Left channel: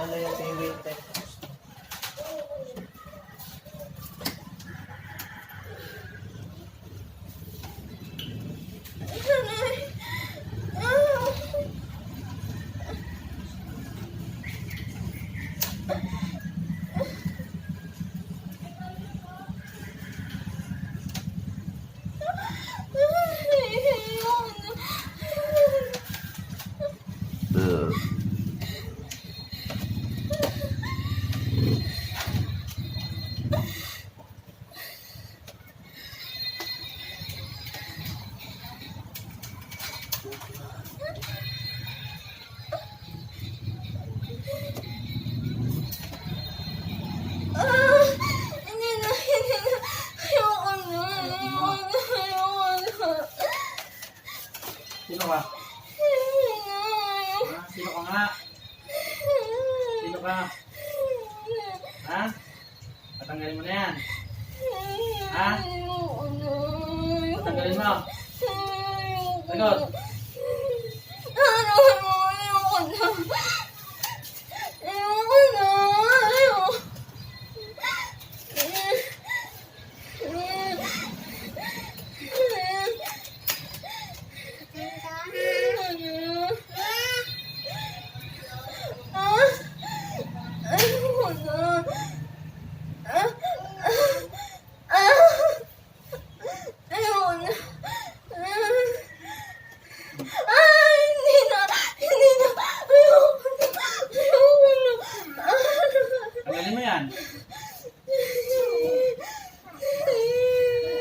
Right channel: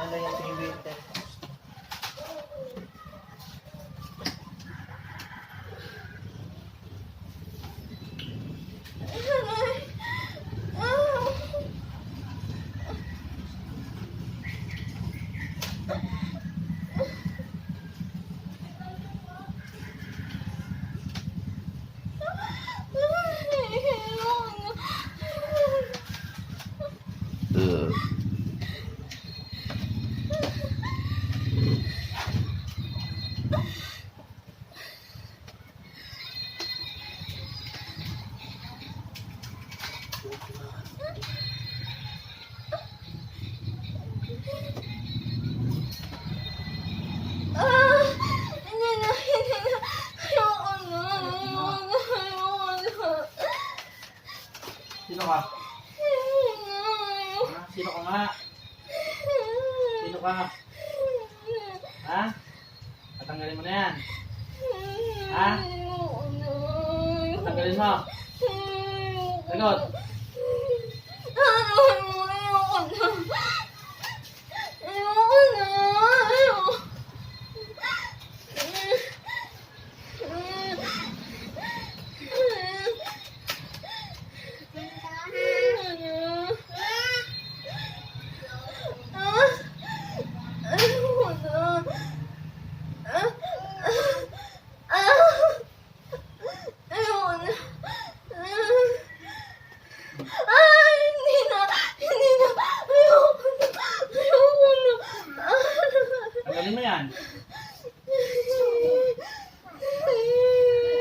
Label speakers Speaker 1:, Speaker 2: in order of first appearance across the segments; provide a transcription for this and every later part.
Speaker 1: Sana yung TV. Sino ka? Ha? Sino ka nga? Sino ka? Ha? Patanggalin mo na yan. Ha? Patanggalin mo. Sagot.
Speaker 2: Ay, hindi na, hindi na, ayoko na, ayoko na.
Speaker 1: Tanggalin mo yan.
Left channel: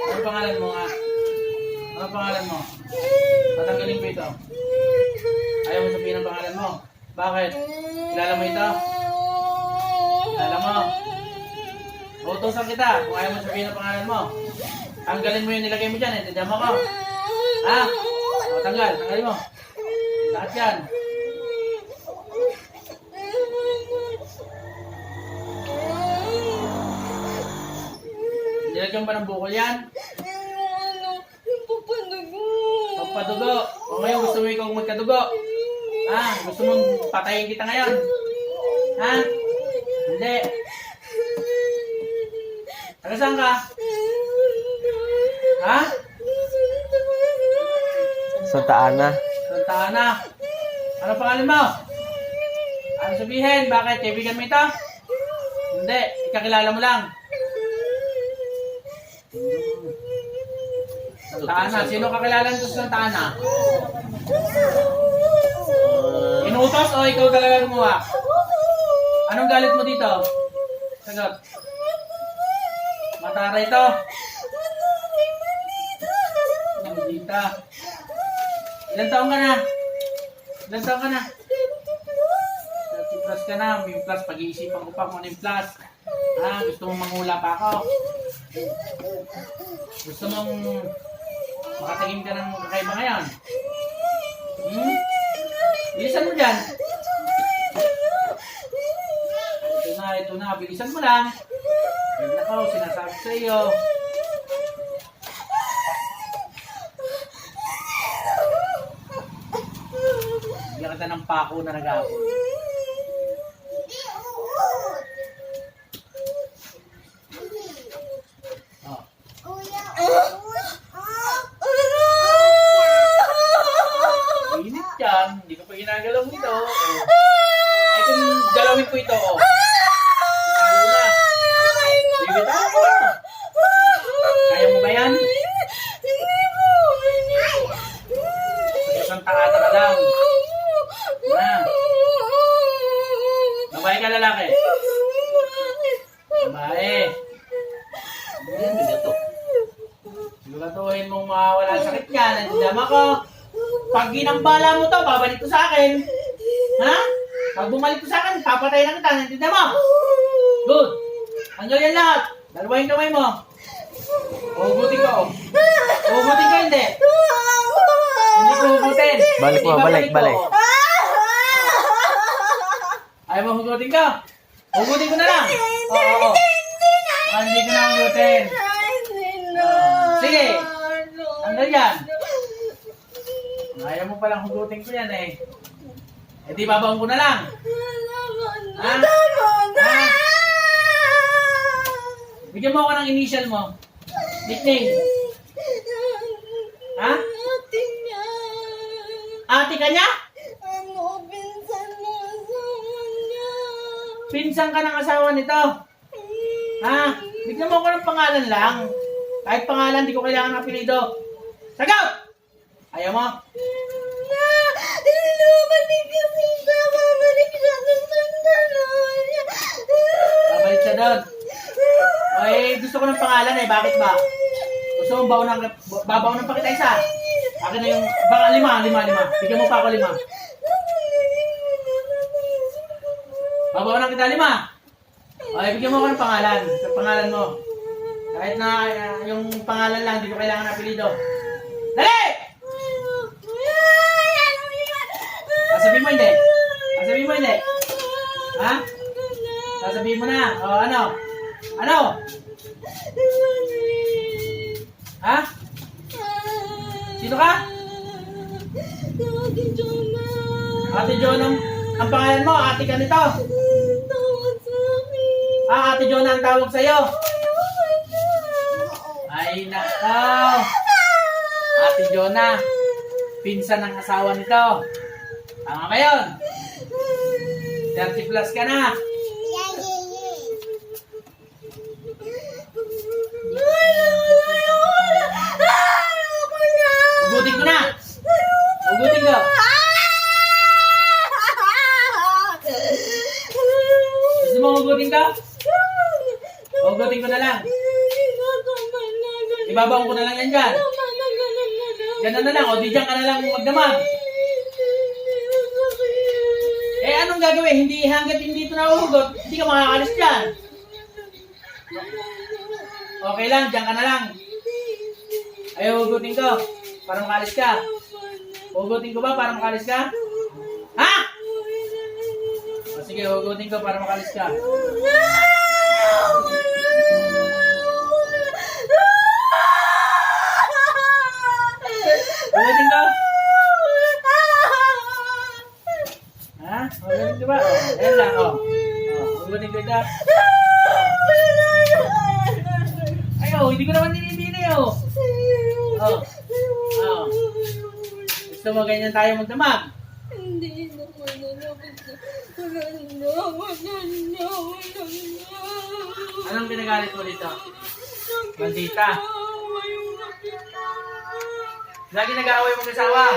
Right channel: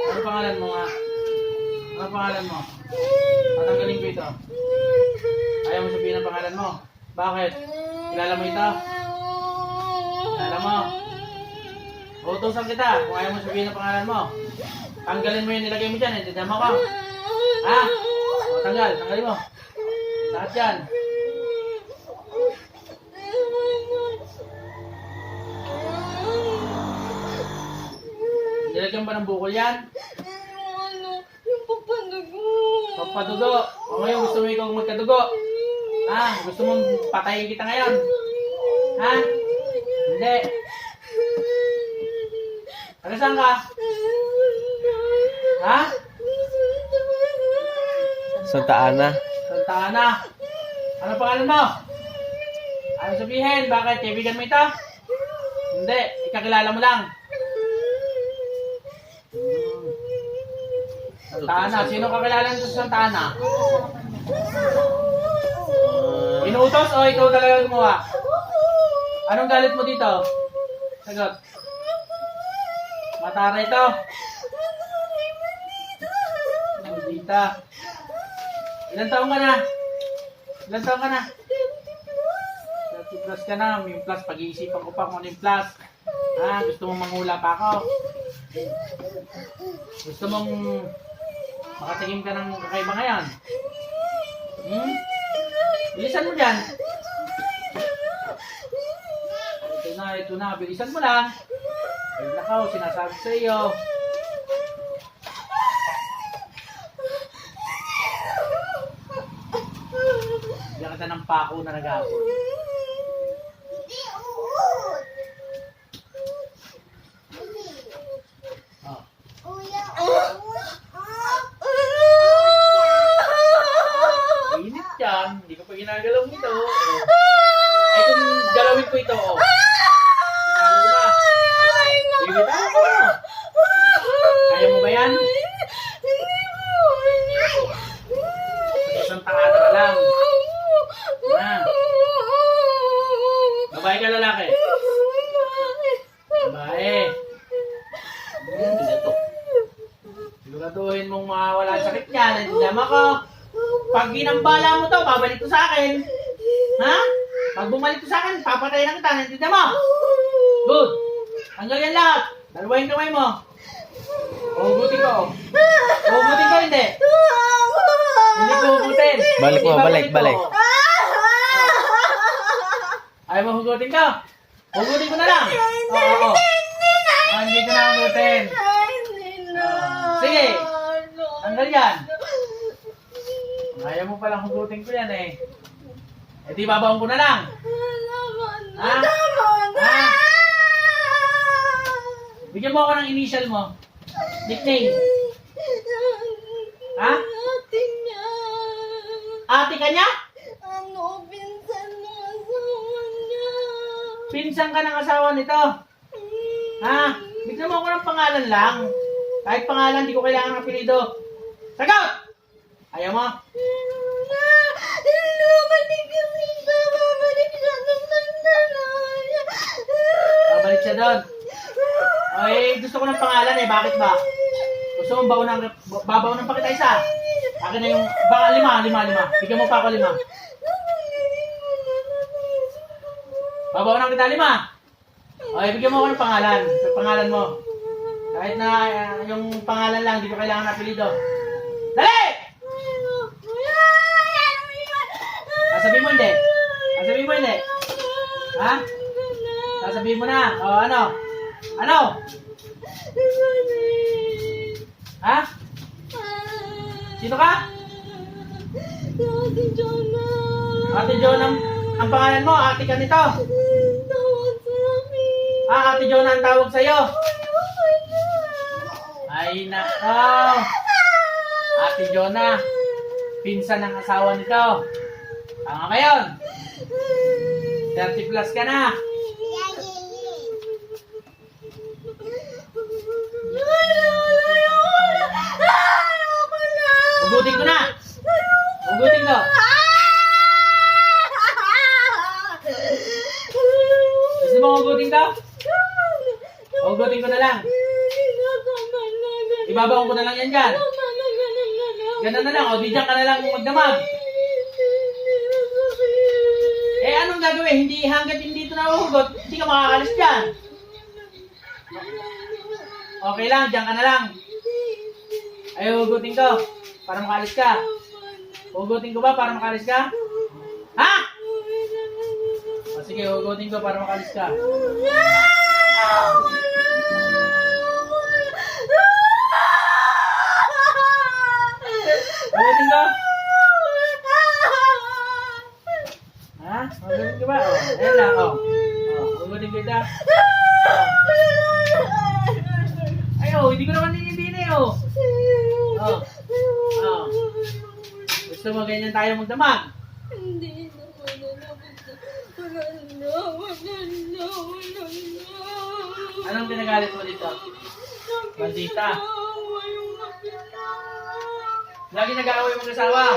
Speaker 1: Ano pangalan mo nga? Ano pangalan mo? Patanggalin ko ito. Ayaw mo sabihin ang pangalan mo. Bakit? Kilala mo ito? Kilala mo? Utusan kita kung ayaw mo sabihin ang pangalan mo. Tanggalin mo yung nilagay mo dyan. Eh. Tadama ko. Ha? O, tanggal. Tanggalin mo. Lahat yan. Ng bukol yan?
Speaker 2: Ano, yung papadugo.
Speaker 1: Pampadugo. O ngayon gusto mo ikaw magkadugo. Ha? Gusto mong patayin kita ngayon? Ha? Hindi. Taga saan ka? Ha?
Speaker 3: Santa Ana.
Speaker 1: Santa Ana. Ano pangalan mo? Ano sabihin? Bakit? Kaibigan mo ito? Hindi. Ikakilala mo lang. Santa Ana. Sino kakilala nito sa Santa Ana? Inutos o ikaw talaga gumawa? Anong galit mo dito? Sagot. Matara ito. Maldita. Ilan taong ka na? Ilan taong ka na? 30 plus ka na. May plus. Pag-iisipan ko pa kung ano yung plus. Ha? Gusto mong manghula pa ako? Gusto mong makatingin ka ng kakaiba ngayon? Hmm? Bilisan mo dyan. Ito na, ito na. Bilisan mo lang. Ay, nakaw, sinasabi sa iyo. Bigyan kita ng pako na nag-aapon. Oh. Init yan. Hindi ko pa ginagalaw ito. Oh. Ay, kung galawin ko ito, oh. Nalo na. Bibitaw ko. Kaya mo ba yan? Sa Santa Ana ka lang. Ha? Babae ka lalaki? Babae. Hmm, bigato. Siguraduhin mong mawawala ang sakit niya. Nandiyan ako. Ginambala mo to, babalik to sa akin. Ha? Pag bumalik to sa akin, papatay na kita. Nandiyan mo. Good. Tanggal yan lahat. Dalawahin kamay mo. Hugutin ko. Hugutin ko hindi. Hindi ko hugutin.
Speaker 3: Balik mo, balik, balik.
Speaker 1: Ayaw mo hugutin ka? Hugutin ko na lang. Oo, oo. Ah, hindi ko na hugutin. Sige. Tanggal yan. Ayaw mo palang hugutin ko yan eh. Eh di babaon ko na lang. Ha? Ha? Bigyan mo ako ng initial mo. Nickname. Ha?
Speaker 2: Ate
Speaker 1: ka niya?
Speaker 2: Ano, pinsan na asawa niya.
Speaker 1: Pinsan ka ng asawa nito. Ha? Bigyan mo ako ng pangalan lang. Kahit pangalan, di ko kailangan ng apelido. Sagot! Ayaw mo?
Speaker 2: Kasi siya. Babalik siya doon sa niya.
Speaker 1: Babalik siya doon. Ay, gusto ko ng pangalan eh. Bakit ba? Gusto mo baon ng, babaw ng pakita isa? Akin na yung, baka lima, lima, lima. Bigyan mo pa ako lima. Babaw ng kita lima. Ay, bigyan mo ako ng pangalan. Sa pangalan mo. Kahit na ah, yung pangalan lang, di ko kailangan ng apelido. Dali! Sasabihin mo hindi. Sasabihin mo hindi. Ha? Sasabihin mo na. O, ano? Ano? Ha? Sino ka?
Speaker 2: Ate Jonah.
Speaker 1: Ate John ang, ang pangalan mo. Ate ka nito. Ah, Ate John ang tawag sa'yo. Ay, nakaw. Ate Jonah. Pinsan ng asawa nito. Tama ba yun? 30 plus ka na. Ugutin ko na. Ugutin ko. Gusto mo ugutin ko? Ugutin ko na lang. Ibabaon ko na lang yan dyan. Ganun na lang. O, di dyan ka na lang magdamag. Gagawin? Hindi hanggat hindi ito nahuhugot, hindi ka makakalis dyan. Okay lang, dyan ka na lang. Ay, hugutin ko. Para makalis ka. Hugutin ko ba para makalis ka? Ha? O sige, hugutin ko para makalis ka. Hugutin ko? Ko ba? O, ayan lang. O, o hugutin ko ito. Ay, oh, hindi ko naman dinidini, oh. Oh. Oh. Gusto mo ganyan tayo magdamag?
Speaker 2: Hindi na, wala na, wala na, wala na, wala na.
Speaker 1: Anong pinagalit mo dito? Bandita. Lagi nag-aaway mo kasawa.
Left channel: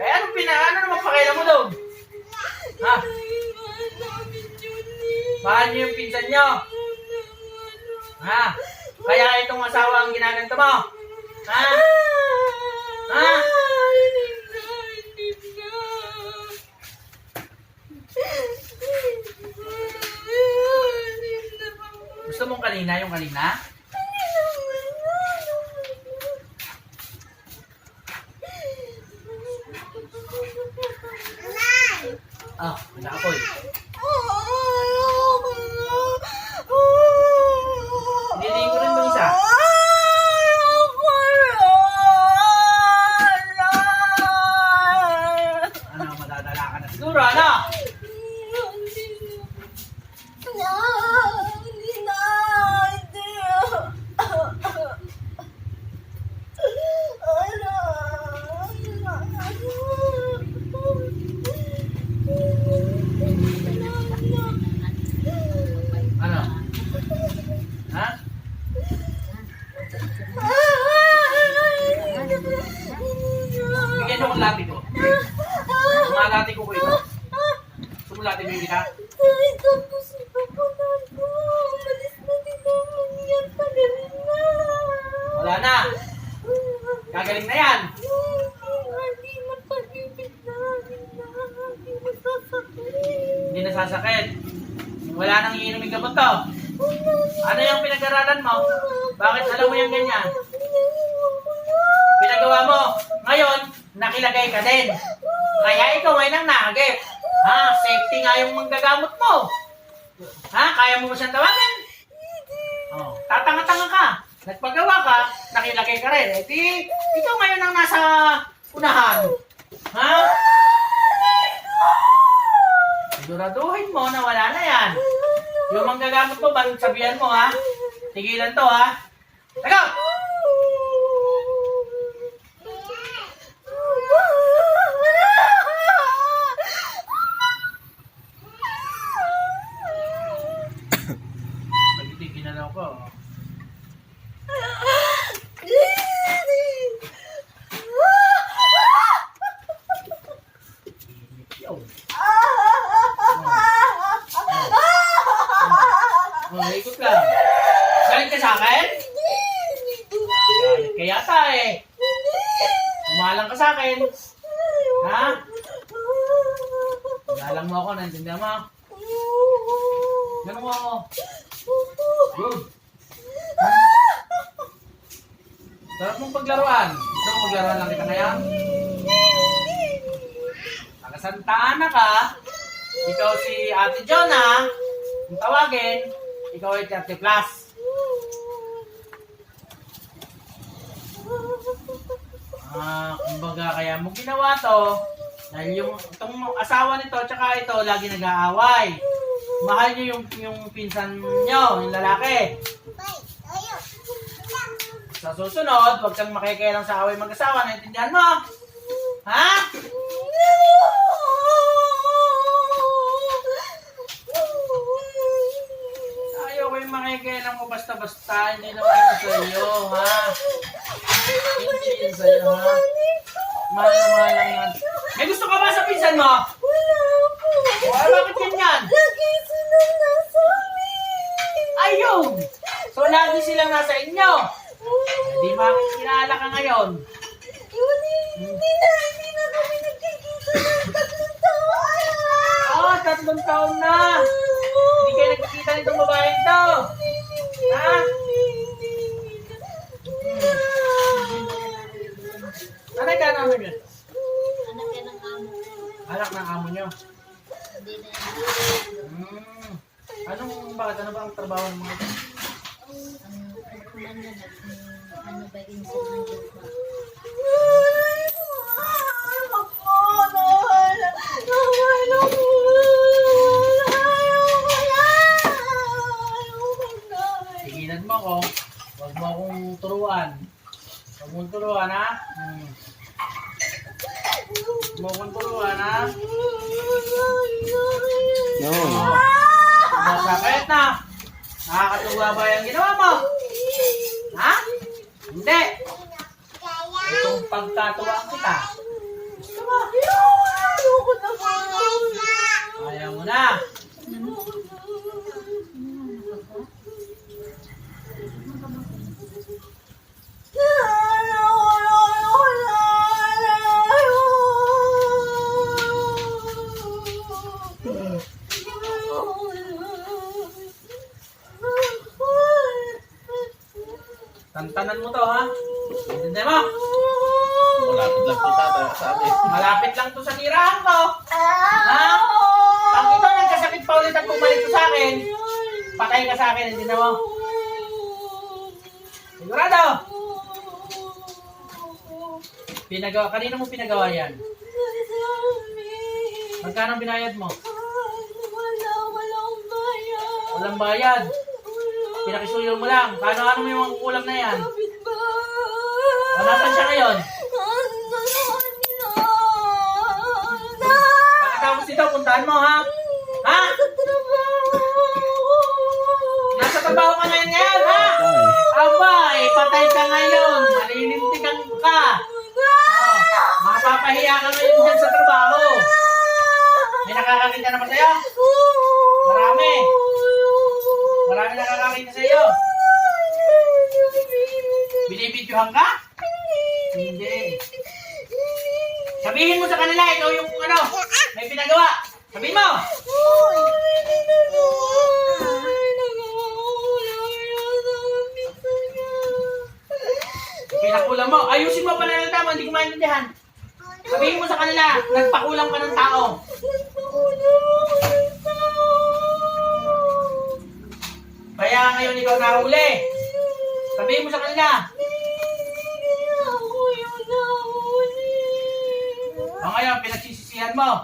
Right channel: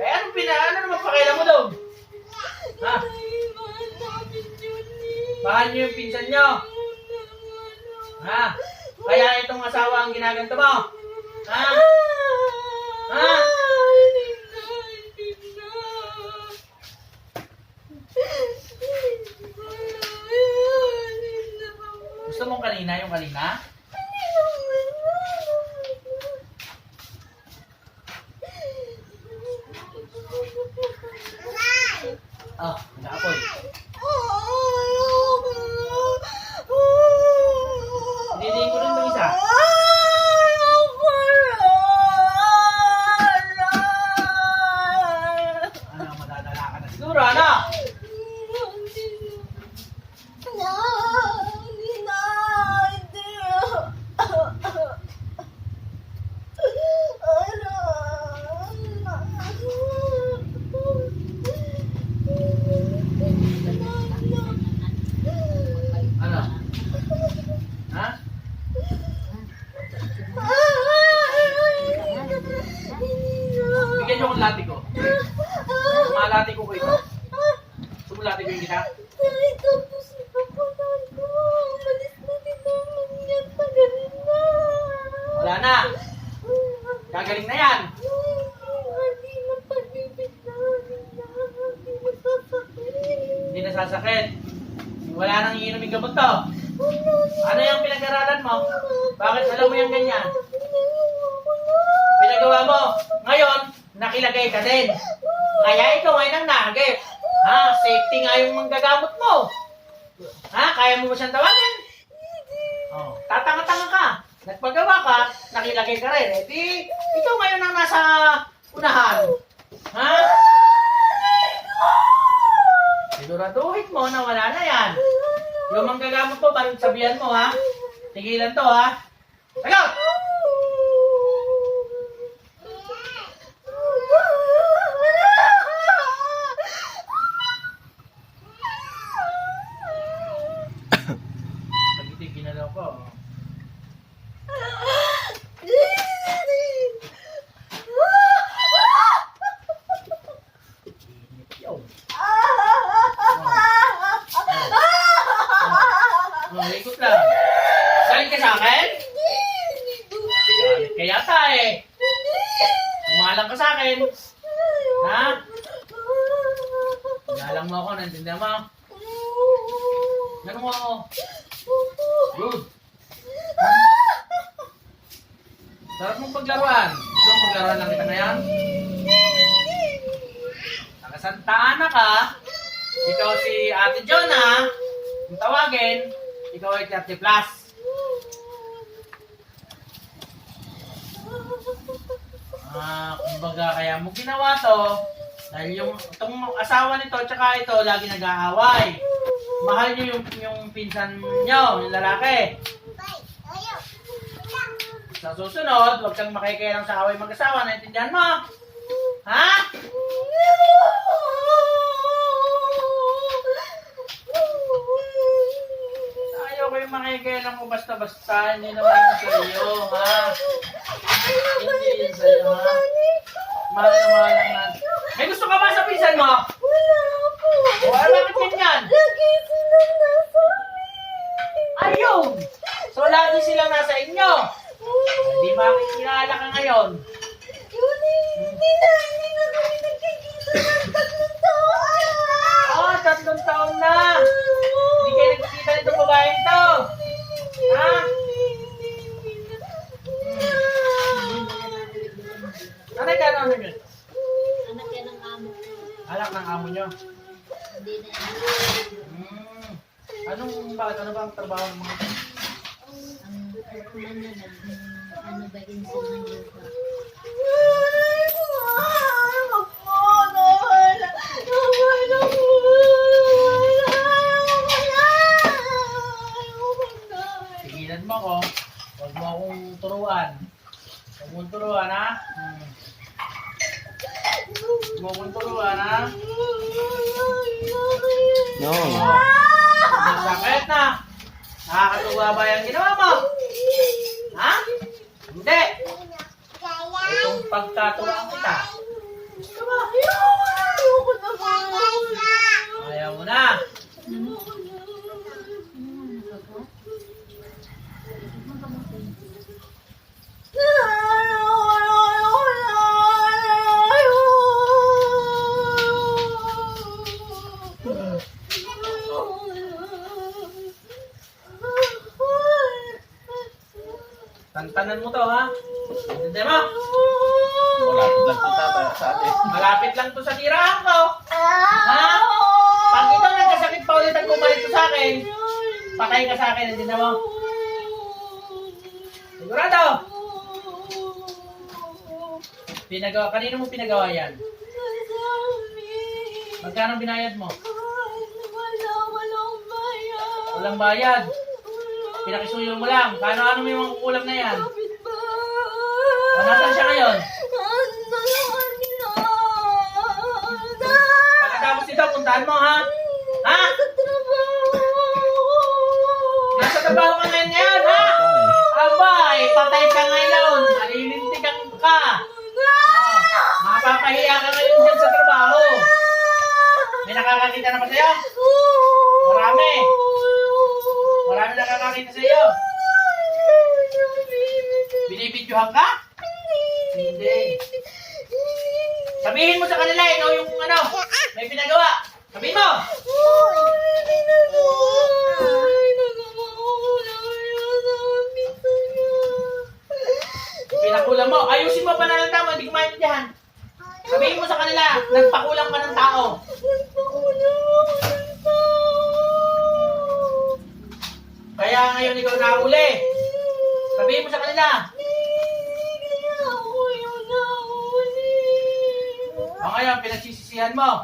Speaker 1: Ay, anong pina, ano naman pakailan mo doon? Ha?
Speaker 2: Eh.
Speaker 1: Paano yung pinsan nyo? Ha? Kaya itong asawa ang ginaganto mo? Ha? Ha? Gusto mong kanina yung kanina? Ah, nakapoy. Diliin ko rin itong isa. Ano, madadala ka na siguro, ano? Ano? Ha? Bigyan mo ang lati ko. Mga ko ko ito. Sumulati ko yung kita.
Speaker 2: Ay, tapos ipapagal ko. Malis na din naman yan. Tagal na.
Speaker 1: Wala na. Gagaling na yan.
Speaker 2: Hindi man pag-ibig na. Hindi masasakit.
Speaker 1: Hindi nasasakit. Wala nang iinumin gamot to. Ano yung pinag-aralan mo? Bakit alam mo yung ganyan? Pinagawa mo. Ngayon, nakilagay ka din. Kaya ikaw ay nang nagip. Ha? Safety nga yung manggagamot mo. Ha? Kaya mo ba siyang tawagin? Oh, tatanga-tanga ka. Nagpagawa ka, nakilagay ka rin. Eh ikaw ngayon ang nasa unahan. Ha? Siguraduhin mo na wala na yan. Yung manggagamot mo, baru sabihan mo ha. Tigilan to ha. Tagot! Pag-itig, ginalaw ko. Yo. Oh, ikot lang. Galit ka sa akin? Galit ka yata eh. Umalang ka sa akin. Ha? Umalang mo ako, nantindihan mo. Ganun mo ako. Good. Sarap mong paglaruan. Gusto mong lang kita ngayon? Nakasanta Ana ka. Ikaw si Ate Jonah. Kung tawagin, ikaw ay 30 plus. Ah, kumbaga kaya mo ginawa to dahil yung itong asawa nito tsaka ito lagi nag-aaway. Mahal niyo yung yung pinsan niyo, yung lalaki. Sa susunod, huwag kang makikialam sa away mag-asawa, naintindihan mo? Ha? Ayaw ko yung makikialam ko basta-basta, hindi naman yun sa'yo, ha? Hindi yun sa'yo, ha? Mahal na mahal lang ka
Speaker 2: turuan. Huwag mong turuan, ha? Hmm. Huwag turuan, ha?
Speaker 3: No.
Speaker 1: Masakit na. Nakakatuwa ba yung ginawa mo? Ha? Hindi. Itong pagkatuwaan kita. Ayaw mo na. Tantanan mo to, ha? Hindi mo?
Speaker 3: Malapit lang tata sa atin.
Speaker 1: Malapit lang to sa tirahan ko. Ha? Pag ito nagkasakit pa ulit at bumalik to sa akin, patay ka sa akin, hindi na mo? Sigurado? Pinagawa, kanino mo pinagawa yan? Magkano binayad mo? Walang bayad. Pinakisuyo mo lang. Paano ano mo yung mga kukulang na yan? O, nasan siya ngayon? Pagkatapos nito, puntahan mo ha? Ha? Nasa trabaho ka ngayon ngayon ha?
Speaker 3: Tay.
Speaker 1: Aba, eh, patay ka ngayon. Nalilintikan ka. Oh, mapapahiya ka ngayon dyan sa trabaho. May nakakakita naman sa'yo? Marami. Marami nakakakita sa'yo. Binibidyohan ka? Hindi. Sabihin mo sa kanila, ikaw yung ano, may pinagawa. Sabihin mo. Pinakulang mo. Ayusin mo pa na ng tama, hindi ko maintindihan. Sabihin mo sa kanila, nagpakulang ka ng tao. Kaya ngayon ikaw nahuli. Sabihin mo sa kanila. O ngayon, pinagsisisihan mo.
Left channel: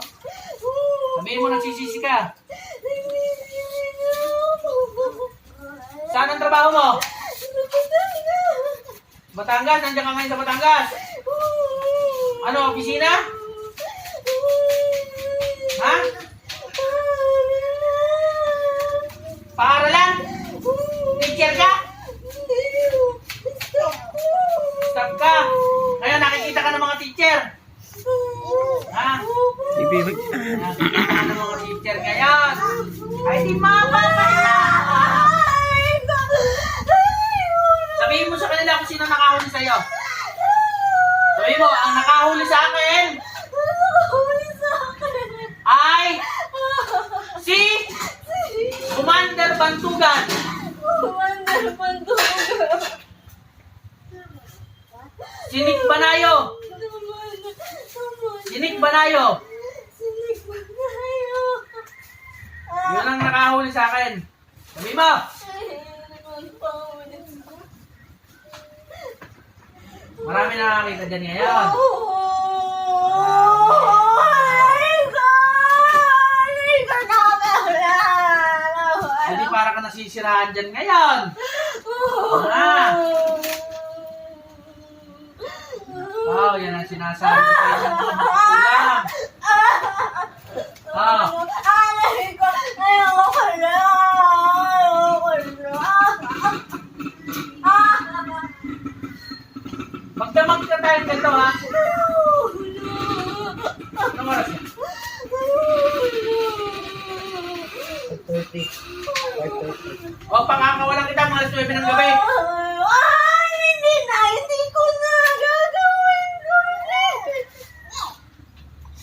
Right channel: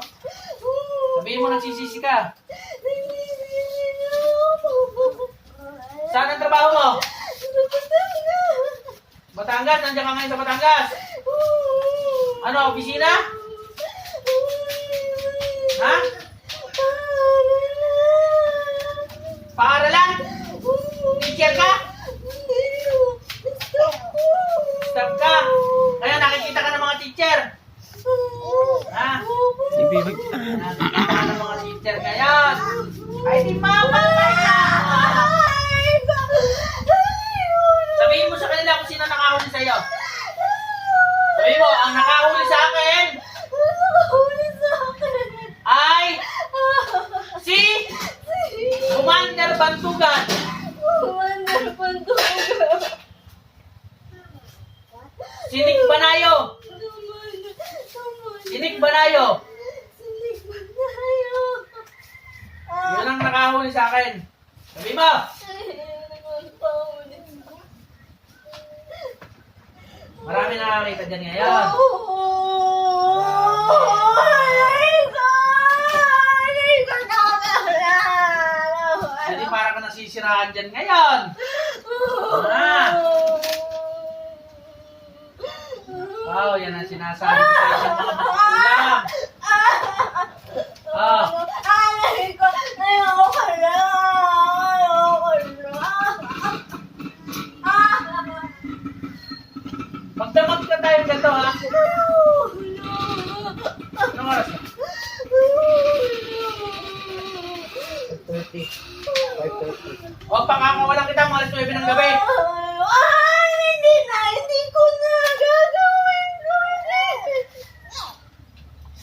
Speaker 1: Sabihin mo nagsisisi ka. Saan ang trabaho mo? Batangas, nandiyan ka ngayon sa Batangas. Ano, opisina? Ha? Paaralan? Teacher ka? Staff ka? Kaya nakikita ka ng mga teacher. Ha?
Speaker 4: Ibig.
Speaker 1: Nakikita ka ng mga teacher ngayon. Ay, di mama ka Sabihin mo sa kanila kung sino nakahuli sa'yo. Sabihin mo, ang nakahuli sa akin ay si Commander Bantugan. Si Nick Banayo. Si Nick Banayo. Yun ang nakahuli sa akin. Sabihin mo. Marami nakakita dyan ngayon. Hindi para ka nasisiraan dyan ngayon. Wow, yan ang sinasabi ko sa isang magulang. Ah, magdamag ka tayo ganito ha. Anong oras na?
Speaker 4: 5.30.
Speaker 1: Huwag pakakawalan kita mga alas 9 ng gabi.
Speaker 2: Ay, hindi na, hindi ko na gagawin ko.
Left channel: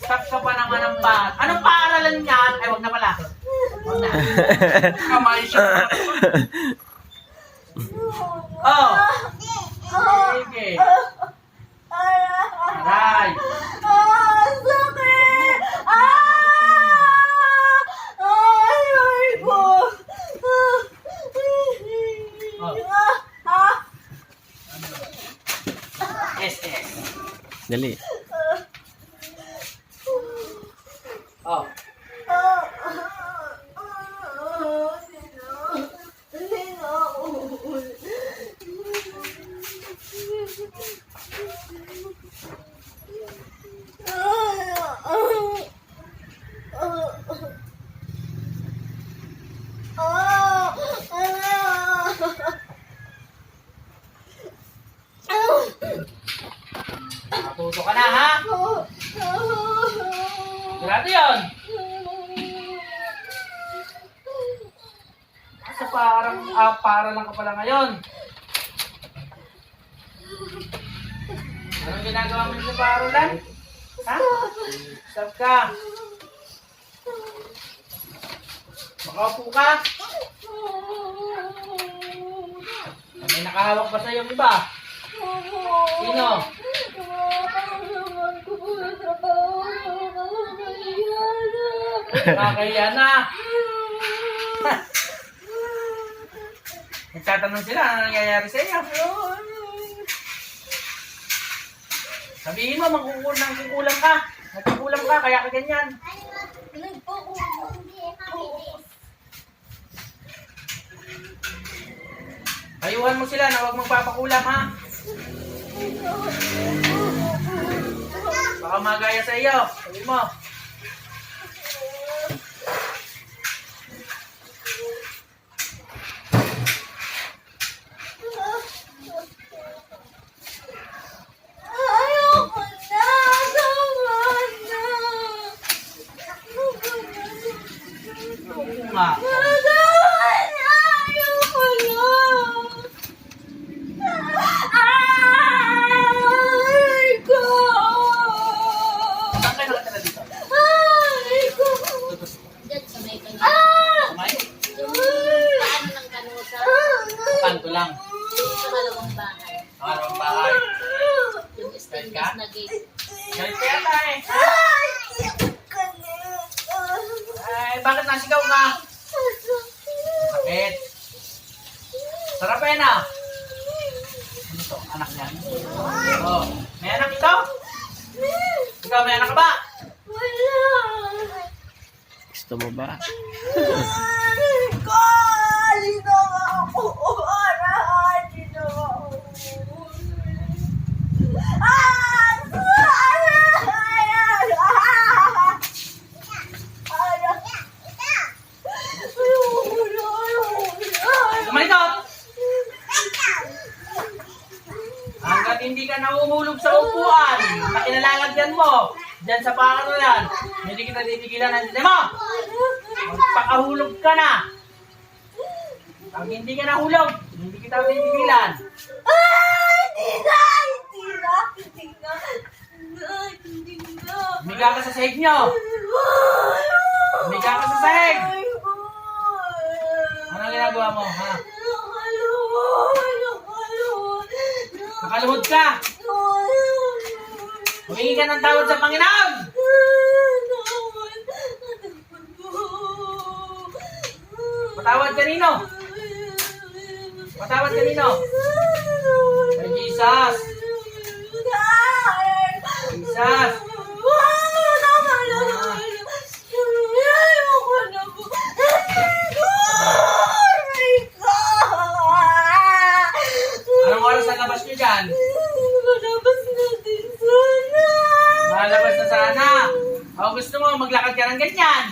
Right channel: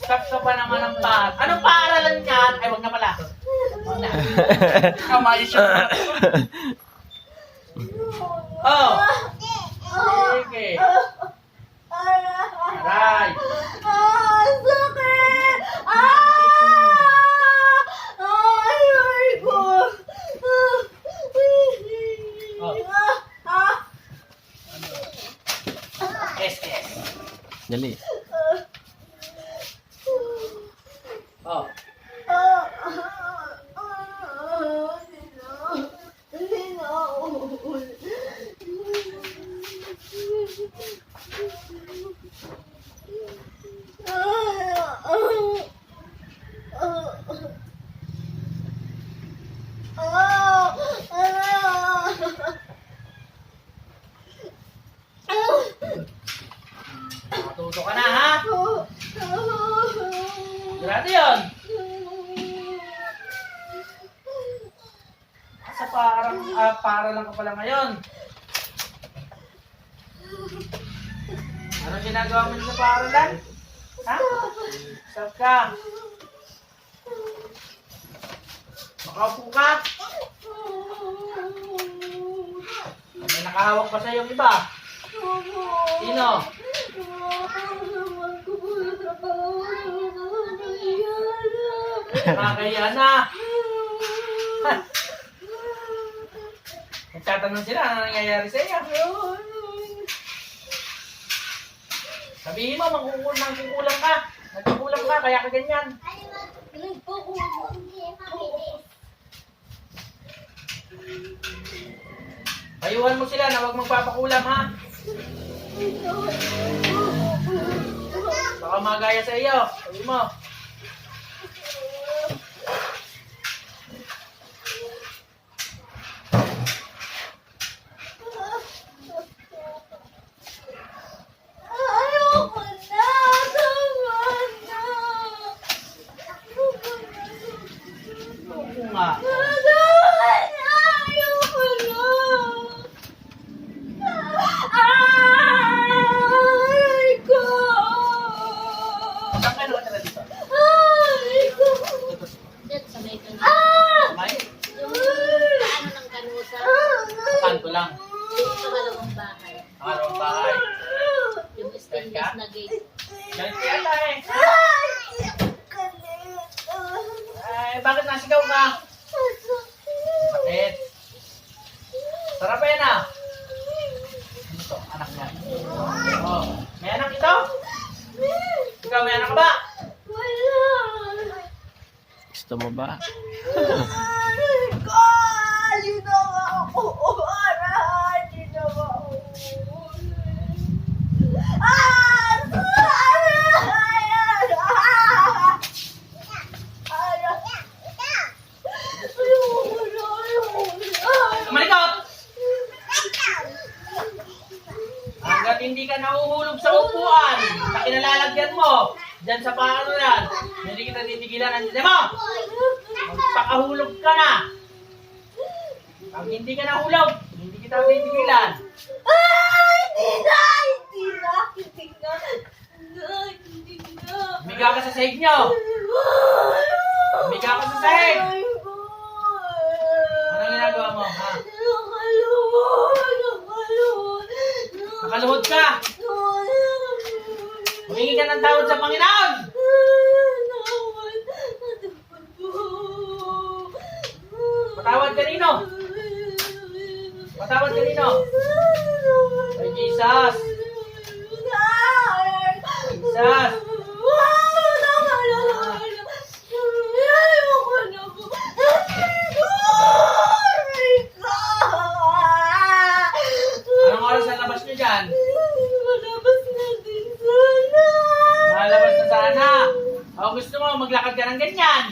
Speaker 1: Stop ka pa naman ng pa. Anong paaralan yan? Ay, wag na pala. Wag na. Kamali siya. Oh, sige. Aray.
Speaker 2: Ah, sakit! Ah! Ay, ay ko!
Speaker 1: Oh.
Speaker 2: Ah!
Speaker 1: SS.
Speaker 4: Dali.
Speaker 1: Oh.
Speaker 2: Ah! Hindi na ako.
Speaker 1: Matuto ka na, ha? Sigurado yun. Sa parang, ah, para lang ka pala ngayon. Anong ginagawa mo sa paaralan? Ha? Stop ka. Makaupo ka. May nakahawak ba sa yung iba? Sino? Nakakahiya na. Nagtatanong sila, ano nangyayari sa iyo? Sabihin mo, magkukulang kukulang ka. Nagkukulang ka, kaya ka ganyan. Ayuhan mo sila na huwag magpapakulam, ha? Baka magaya sa iyo. Sabi mo.
Speaker 2: Ayoko na! Tama na!
Speaker 1: Oo nga.
Speaker 2: Ayoko na! Ay, ko!
Speaker 1: Saan kayo nakatira dito?
Speaker 2: Ay, ko!
Speaker 5: Diyan sa may kanal.
Speaker 2: Ah!
Speaker 1: Kamay?
Speaker 5: Paano ng kanusa?
Speaker 1: Kanto lang.
Speaker 5: Yung sa malawang bahay.
Speaker 1: Araw bahay.
Speaker 5: Yung stainless na gate.
Speaker 1: Galit ka yata eh.
Speaker 2: Ay, kalit!
Speaker 1: Nasigaw ka? Bakit? Sarap eh na. Ano to? Anak niya? Oh. May anak ito? Ikaw may anak ka ba?
Speaker 2: Wala!
Speaker 4: Gusto mo ba?
Speaker 2: Kali na ako. Arahani na ako. Ah!
Speaker 1: Lumalikot! Hanggat hindi ka nahuhulog sa upuan na kinalalagyan mo, dyan sa paano yan, hindi kita titigilan ang dito mo! Magpakahulog ka na! Pag hindi hindi kita titigilan. Humiga ka sa sahig nyo! Humiga ka sa sahig! Anong ginagawa mo, ha? Nakaluhod ka! Humingi ka ng tawad sa Panginoon! Patawad kanino? Patawad kanino? Kay Jesus! Jesus! Anong oras ang labas nyo dyan? Malabas na sana. Ako gusto mo, maglakad ka ng ganyan.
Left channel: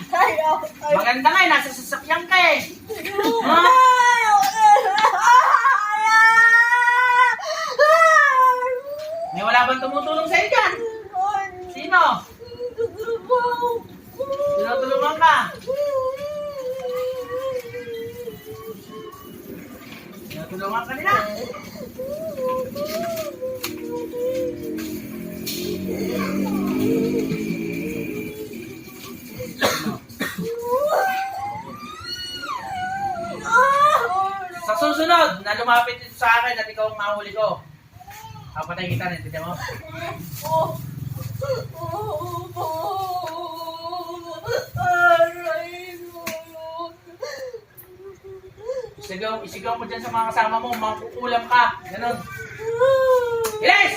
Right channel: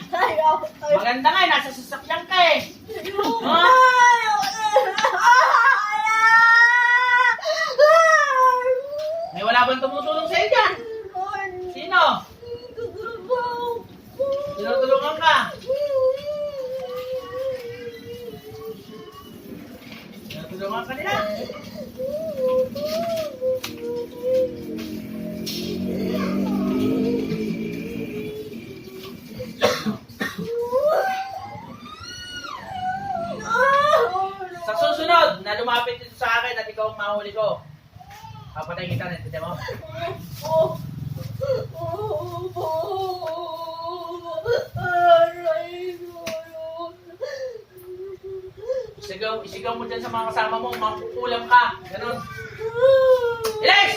Speaker 1: Maganda nga eh, nasa sasakyan ka eh. Ha? May wala bang tumutulong sa'yo dyan? Sino? Tinutulungan ka? Tinutulungan ka nila? Sa susunod, na lumapit sa akin at ikaw ang mahuli ko. Papatay kita rin, tignan mo. Isigaw, isigaw mo dyan sa mga kasama mo, makukulam ka. Ganon. Ilis!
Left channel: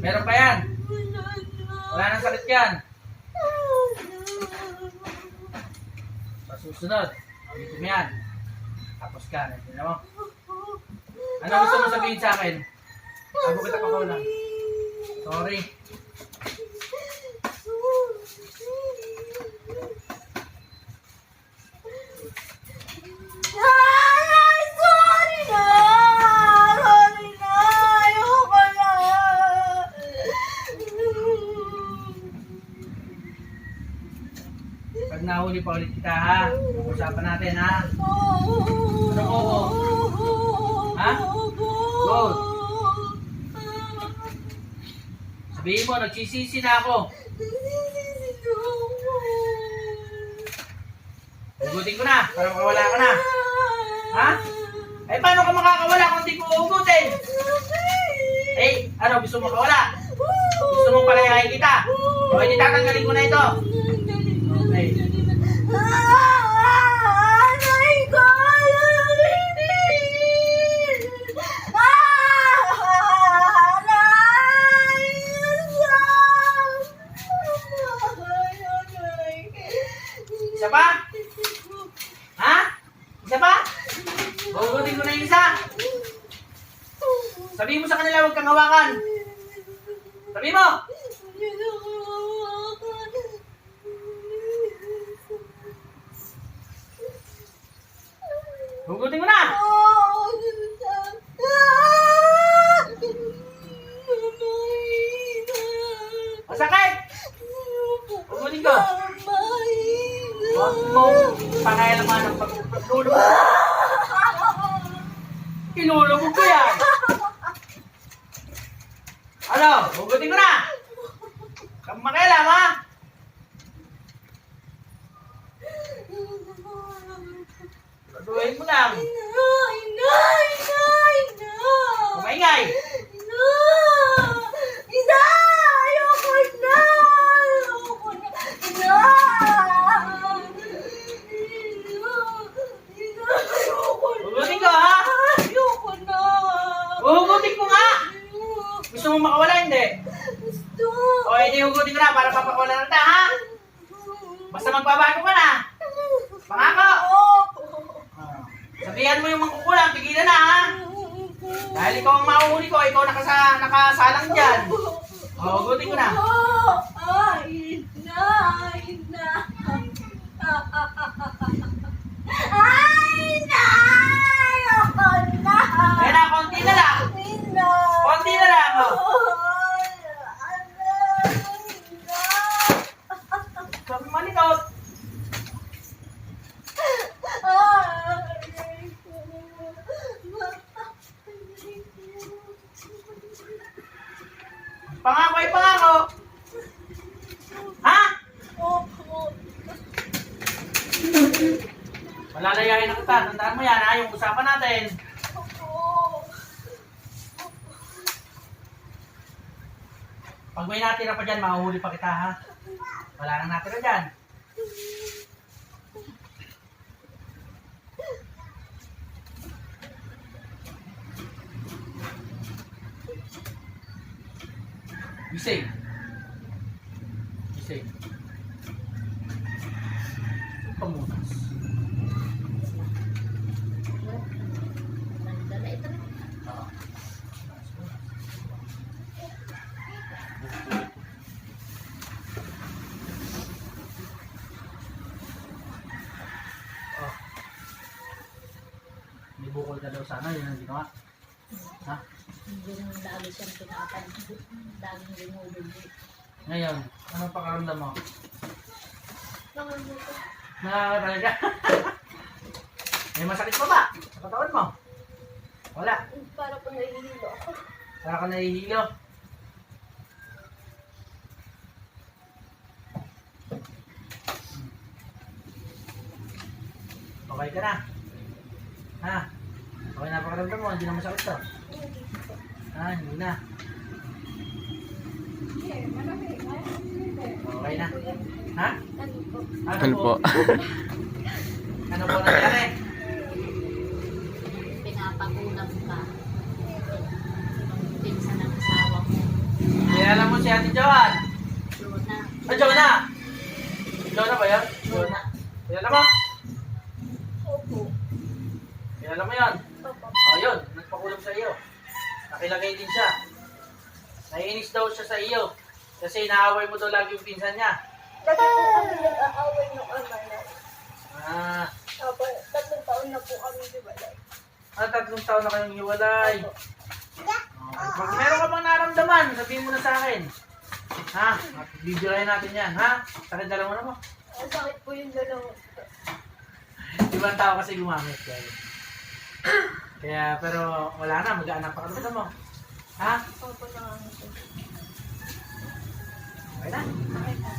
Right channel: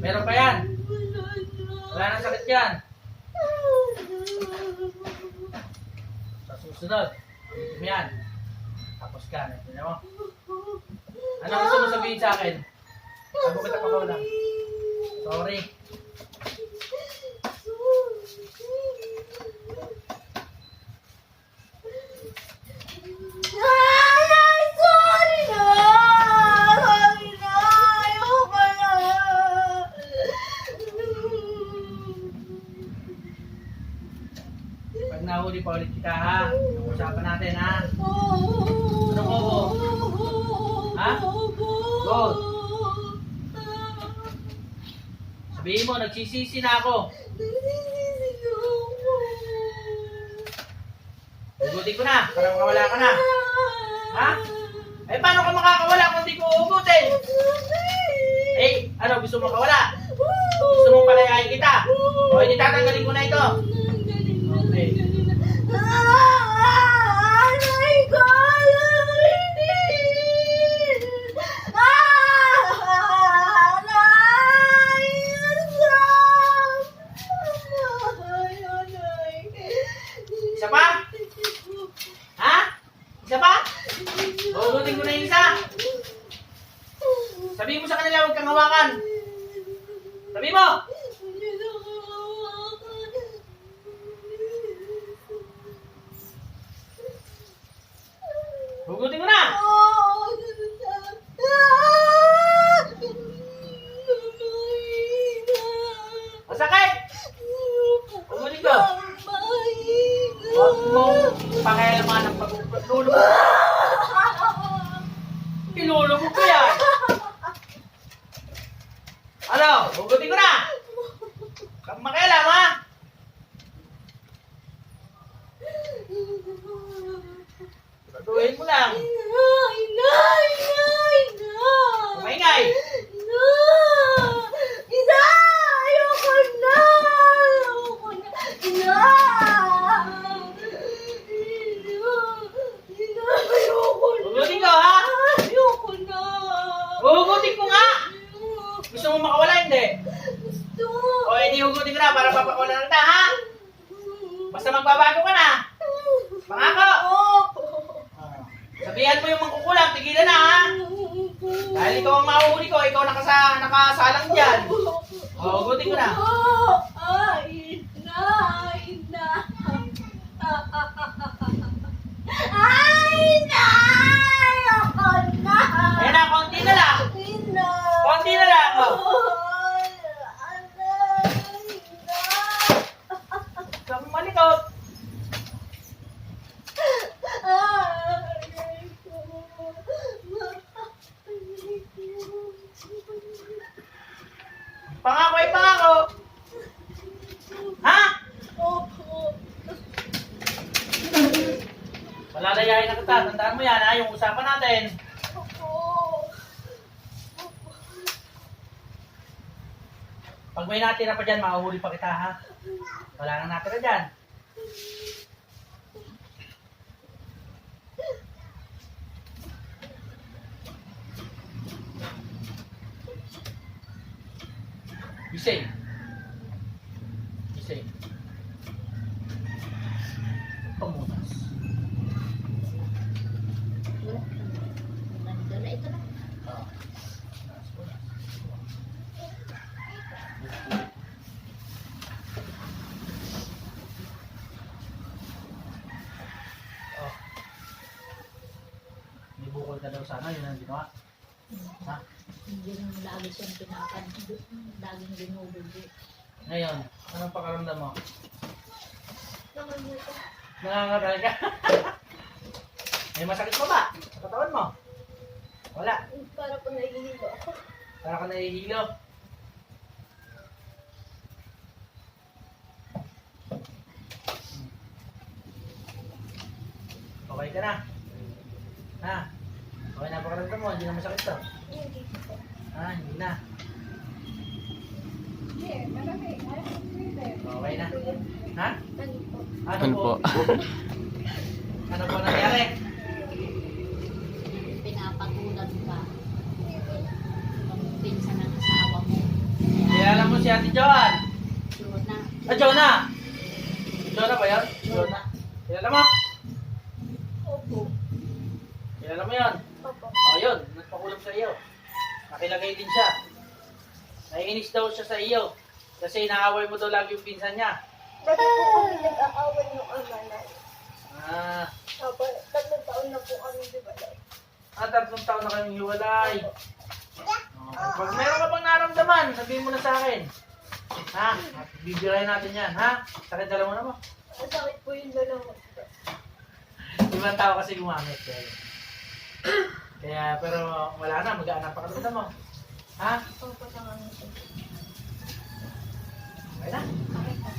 Speaker 1: Meron pa yan. Wala nang sakit yan. Sa susunod, mo yan. Tapos ka, tignan mo. Ano gusto mo sabihin sa akin? Bago kita pakawalan. Sorry.
Speaker 2: Sorry
Speaker 1: nagsisisi na ako. Hugutin ko na, para makawala ka na. Ha? Eh, paano ka makakawala kung di ko uhugutin? Eh, ano, gusto mo makawala? Gusto mong palayahin kita? O, hindi tatanggalin ko na ito. Okay.
Speaker 2: Magbabago ka na. Pangako. Sabihan mo yung mangkukulam, tigilan na, ha? Dahil ikaw ang mahuhuli ko, ikaw nakasa, nakasalang dyan. O, hugutin ko na.
Speaker 1: Ay, na, ay, na. Ay, na! Ayoko na!
Speaker 2: Ayan na, konti na lang.
Speaker 1: Ay, na!
Speaker 2: Konti na lang, oh.
Speaker 1: Ay, aray, na!
Speaker 2: Sabi malikot.
Speaker 1: Ay, ko.
Speaker 2: Pangako ay pangako. Ha?
Speaker 1: Opo.
Speaker 2: Malalayain na kita. Tandaan mo yan, ha? Yung usapan natin.
Speaker 1: Opo.
Speaker 2: Pag may natira pa dyan, mahuhuli pa kita, ha? Wala nang natira dyan. Gising. Gising. Pamunas.
Speaker 5: Nandala, ito na.
Speaker 2: Ah. Oh. May bukol ka daw sana, yun ang ginawa. Ha?
Speaker 5: Yung lagi siyang kinakad. Laging ginububo.
Speaker 2: Ngayon, anong pakaramdam mo? Nakakatagal ka? May masakit pa ba? Sa katawan mo? Wala.
Speaker 1: Para po nahihilo ako.
Speaker 2: Para ka nahihilo. Okay ka na? Ha? Okay na pakaramdam mo? Hindi na masakit to? Ah, hindi na. Okay na. Ha?
Speaker 1: Ano po?
Speaker 3: Ano po?
Speaker 2: ano po nangyari?
Speaker 5: Pinapagulat ka. Pinsan ng asawa mo.
Speaker 2: Kilala mo si Ate Joan?
Speaker 5: Luna.
Speaker 2: Ah, Jonah! Jonah ba yan? Daw siya sa iyo. Kasi inaaway mo daw lagi yung pinsan niya.
Speaker 1: Lagi po kami nag-aaway ng ama na.
Speaker 2: Ah,
Speaker 1: Opo, tatlong taon na po kami ba?
Speaker 2: ah tatlong taon na kayong hiwalay. Okay. Pag meron ka bang naramdaman, sabihin mo na sa akin. Ha? Bibirahin natin yan, ha? Sakit dalawa na mo.
Speaker 1: Ang sakit po yung dalawa.
Speaker 2: Ibang tao kasi gumamit. Kaya, kaya pero wala na, mag-aanak pa ka mo. Ha?
Speaker 1: Opo na nga ito.
Speaker 2: Okay na.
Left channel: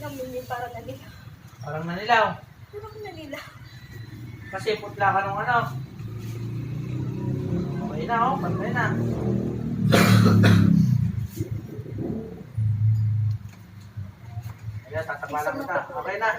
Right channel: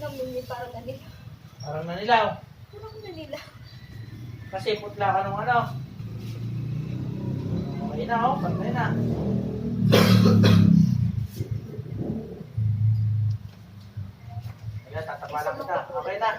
Speaker 1: Namunyi parang nalila.
Speaker 2: Parang nanilaw.
Speaker 1: Parang nalila.
Speaker 2: Kasi putla ka nung ano. Okay na, oh. Pantay na. Ayan, tatakala kita. Okay na.